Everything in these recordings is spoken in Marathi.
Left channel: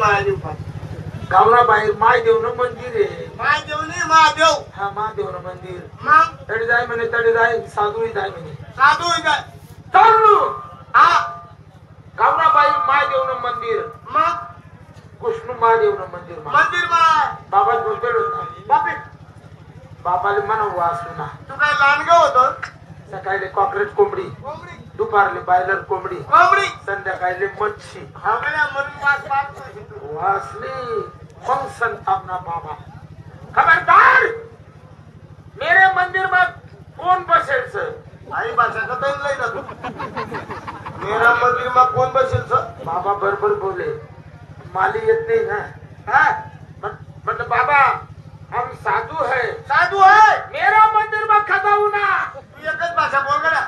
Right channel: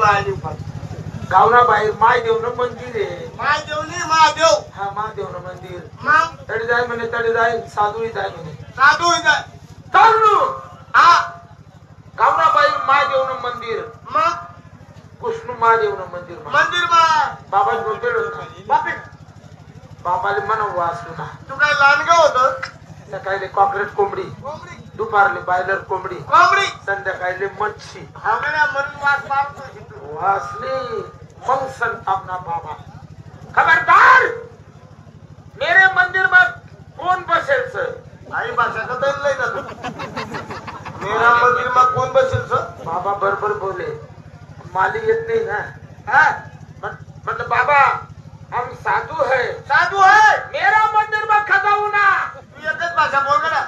महादेव पाय गावना बाहेर महादेवनं मंदिर आहे. महादेव नाही महादेव हा महादेवनं मंदिर. मग तडी जाय म्हणे तडी जाय साधूही जाय म्हणे साधू जाय चालू. हा गावना बाहेर महादेवनं मंदिर. मग कृष्ण महादेवनं मंदिर. मंदिर बाबा बोलतोय होता. बापे बाबाले म्हणा वाचू ना. तू काय लांडगा होत. सकाळी कॉकरेट कोंबडी, कोंबडी दुपारले बायलर कोंबडी, कोंबडी संध्याकाळी मच्छी. हवल्या म्हणून वास मारतो. वासली मग संतापना बाबा. खबरदार मेरे मंदिर में कौन बसेल सर. आई भाषा तर लय जातो. मेरा मंदिर में कोण बसेल सर. बाबा बरोबर बोले. माली येत नाही ना. हा मतलब बाबा हम साधु है. साधू है मेरा मंदिर में खदाऊ ना. तू एकच भाषा बोल गड्या.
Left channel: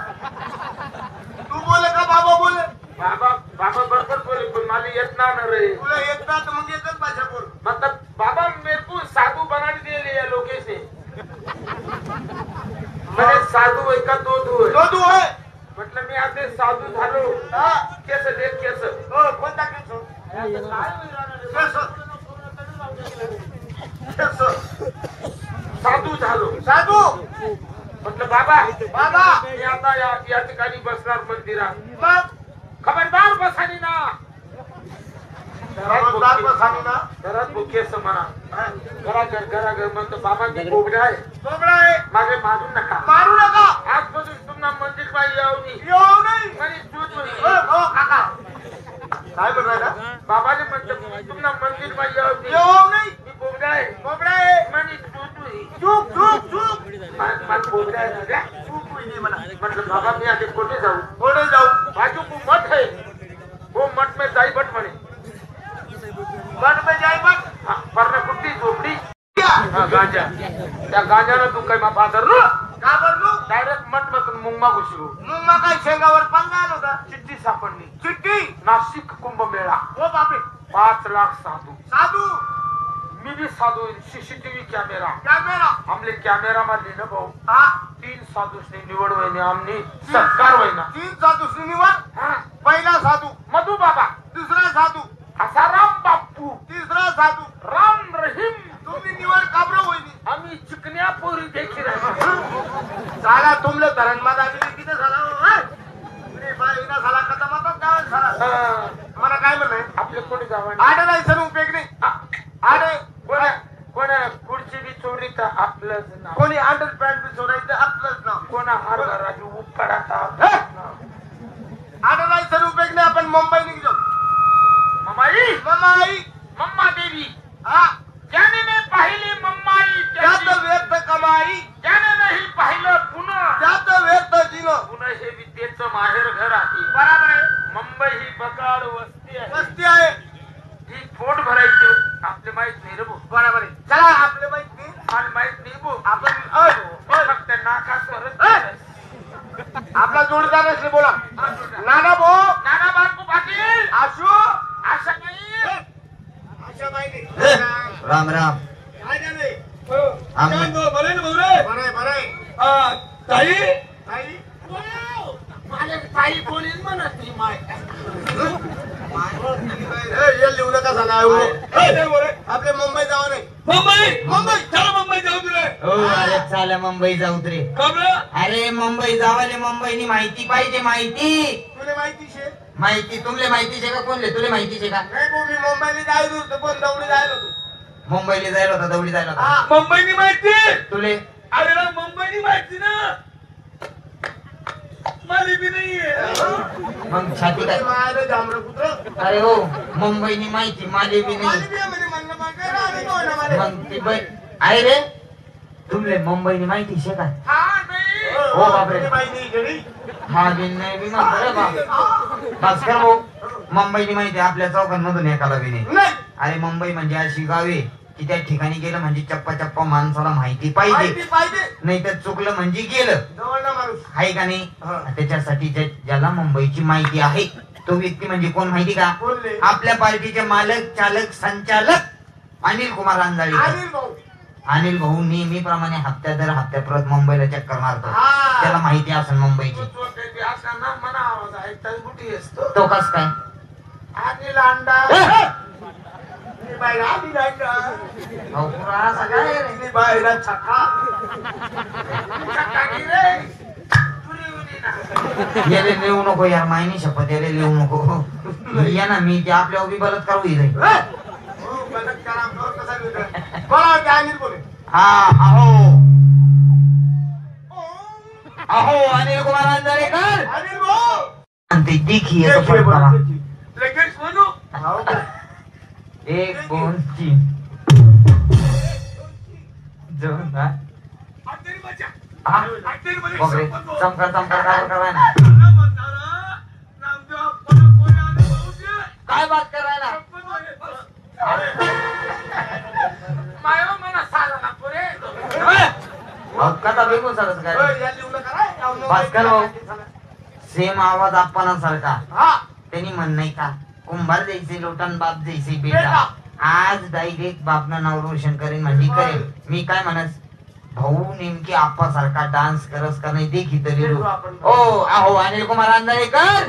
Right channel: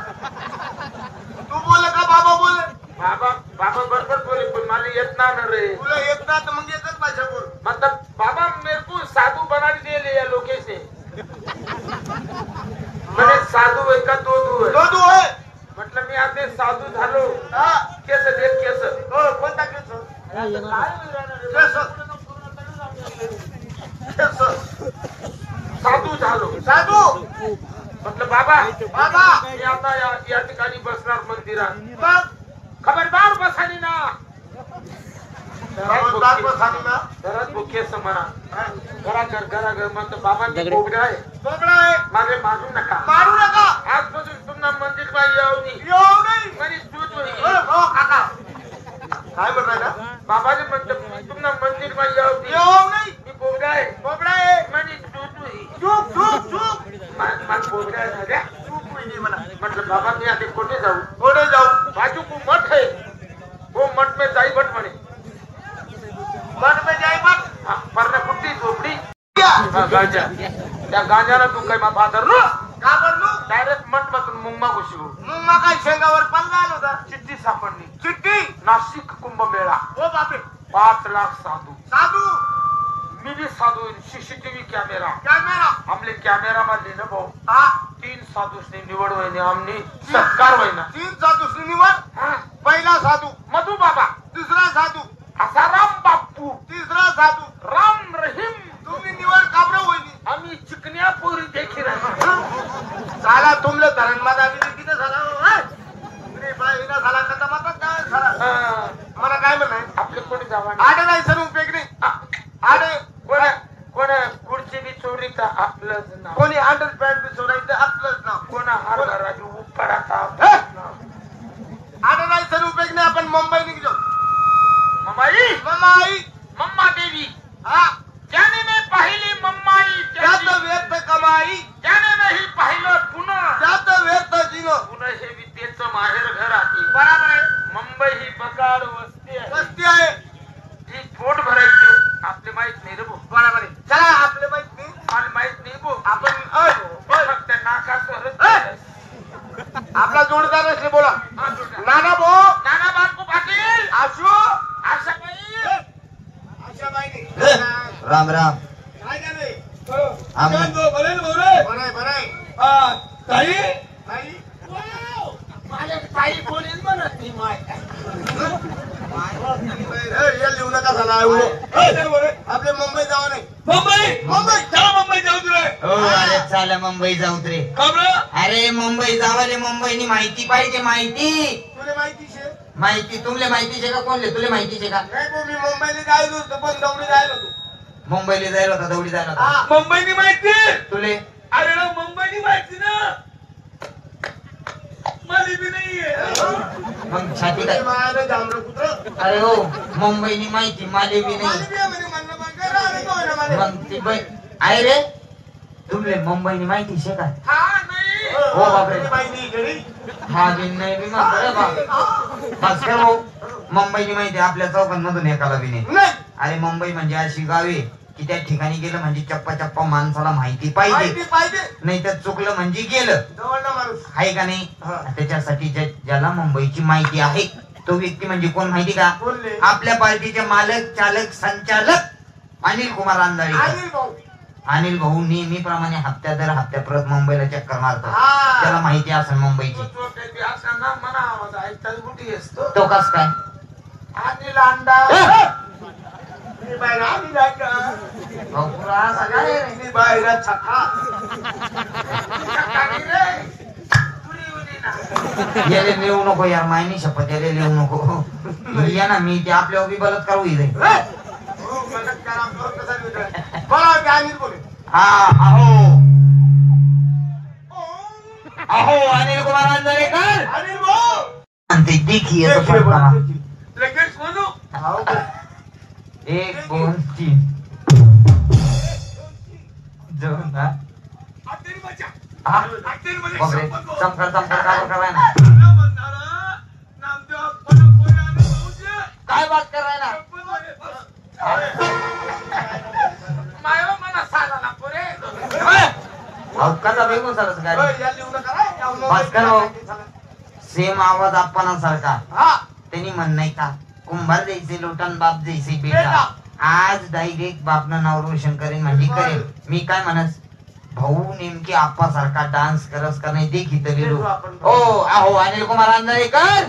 तू बोले का बाबा बोले. बाबा बाबा बरोबर बोले पण माली येत ना रे. तुला येत ना तर मग एकच भाषा बोल. मतलब बाबा मेरे को साधु बना दिए या लोके से. मैंने साधु है का दो है. साधू है मतलब मी आता साधू झालो. हा केस देख केस. हो कोणता केस. साधू झालो. साधू म्हटलं बाबा बाबा मी आता या ठिकाणी बसणार मंदिरात. मग खबरदार बसानी ना. खबरदार बसानी ना. घरात केस म्हणा. घरा म्हणतो बाबा कोबडा आहे. कोबडा आहे मागे मारू नका. मारू नका. आजपासून तुम्हाला मंदिर मध्ये येऊ येऊ नाही. म्हणे दूध होईल. हो काका काय म्हणाला. बाबाजी म्हणतो तुम्हाला मंदिर मध्ये येऊ नाही. मी कोबडा आहे. कोबडा आहे म्हणे दूध होईल. चूप चूप चूप. मला कोबडा आहे ना रे. चूप होईल म्हणा. म्हटलं बाबा मी आता कुठे जाऊ. पुढे जाऊ. बाजू को मठ है. वो मठ में जाई बट म्हणे. मठ में जाई मठ. पर्ण कुट्टी झोपडी. गांजा. त्या गांजानं तू काही मा धरलो. का बरलू. डायरेक्ट मठ मधून मुंगमा घुसलो. मग मग काय शेंगावर पल्ला आला होता. चिठ्ठी सापडली. चिठ्ठी. नाशिक कुंभमेळा. हो बापे 5 लाख साधू. साधू मिनी साधू सीसीटीव्ही कॅमेरा. कॅमेरा आमले कॅमेरा मध्ये ना भाऊ हा 3 साधूसनी निवड होईने आमनी सत्कार होईना. 3 साधू निवड. पहिला साधू मधु बाबा. दुसरा साधू आसाराम बापू. तिसरा साधू राम रहीम. तुम्ही निवड काबर होईनी. आम्ही चिकन्या पोरी देखील आहे. साला तुमले धरण मध्ये आम्ही किती झाला. रे बाई ना साला कथा मातात गाव साला. मला काय म्हणाय आपले कोणी जावा. आडे नाही सर उपयोग नाही. आडे कोण कोण खुर्ची बी चोरी तर आपलंच नाव. कोणी अंडर पॅन्ट बी चोरायचं आपलंच नाव. कोणा हार राजू उपडाचा. आडे नाही सर उपयोग नाही. आपण मुंबई निघलो. ममाई मम्माई मम्मा देवी. हा ज्याने नाही पाहिली मम्माई त्यात व्यर्थ कमाई. त्याने नाही पाहिलं पुन्हा. त्यात व्यर्थ जिनो. पुणे हे विद्येचं माहेर घर आहे. बरोबर आहे. मुंबई ही बकाड वस्ती आहे. वस्ती आहे. ही पोट भरायची आपले माहित नाही रे भाऊ. बरोबर आहे. चला आपले माहित नाही. मला माहित नाही भाऊ. आपण फक्त नाकासवर. आपला जोडीदार असले बोला. नाना भाऊ. नाना बापू पाटील. आशू आशा नाही. राम राम. काय झाले. ताई ताई माझ्या ताई बोलील म्हणत नाही माय. लिहू नका झाला. आपले मुंबई जाऊ नये. मुंबई चला मुंबई जाऊ तुला. अरे चाल मुंबई जाऊ रे. अरे मुंबई जावाले मुंबईनी माहिती पाहिजे. माहिती तुला माहिती शे. माहिती तुमले माहिती शे का. कोणले तुले माहिती शे का. नाही भाऊ मी मुंबईला जायलो होतो पण दौडी जायलो होतो. मुंबईला जायला होता. दौडी जायला होता. मुंबईनी माहिती तुले. अरे ना मुंबईनी माहिती ना. मला बी नाहीये. मग छाती काय. माझे जांभळ पुत्र. अरे हो मुंबईनी माहिती माले बी नाही. मग ती बाई आहे रे. तुमले मुंबईनी माहिती शे का. हा नाही. हो बापरे. माहिती घरी. हा बिन नाही बी म्हणतो रे बाप. भास्कर भाऊ मुंबईनी माहिती आपल्या चौकांमधून एकाला बी नाही. नाही. अरे मुंबई म्हणजे अशी गावे की त्या ठिकाणी गेलं म्हणजे चप्पा चप्पा माणसाला माहिती पाहिजे. माहिती पाहिजे. नाही तर चुकलं म्हणजे गेलं. जवळना माणूस आहे का नाही. त्याच्यासाठी ज्याला मुंबईची माहिती आहे तो व्यक्ती म्हणजे कोण माहिती का. बोलले. आपल्या पार्टीचे मालक चालक संचालक अनिल कुमार अंधारी. अनिल भाऊ. अनिल भाऊ नेहमीप्रमाणे हप्त्या दर हप्त्या परत मुंबईला चक्कर मारतो. हा. त्याला माहिती असेल मुंबईची. असा ना मना आवाज ऐकतात कुठे असतो. तो कस काय. अनिल अंडा बाहेर आली नाही का अहो, पुरा असा काय रे? मी बाहेर छक्का छक्का की रे तुरी उरी ना याले लिहू नको यार, मायनी शपथ याले लिहू नको. या ना मी ते आपल्या उभी बलात्कार होईल रे. हो बलात्कार आमच्यावर कसा होईल बोला की अनिल बोले हा अहो अहो अनिल कुमार अंधारेकर अनिल भाऊ आणि ते देखील येतो देखील पटकन. बोला. लगेच बोलू हो का? 1 2 3 दोन हा अनिल बचा हा? अनिल मध्ये बापरे, संपर्क चमकर चमकर काय कराय ना? नामदेव आपण बोला आणि भाऊजी काय बात कराय ना? मायो मला साला ना पुरे अहो, कसा बेगून सरस काय रे? भास्कर भाऊ सेम आवाज आपण सारखा. त्यांनी म्हण नाही का कुंभार जैसे लोटन बाप जैसे बेटा. आज डायरेक्ट बापनं नाव रोशन करेन म्हणजे करेन. मी काय म्हणत भाऊ नेमकी आप्पा सारखा डान्स करस का नाही देखी तरी ओ अहो अनिल कुमार अंधारेकर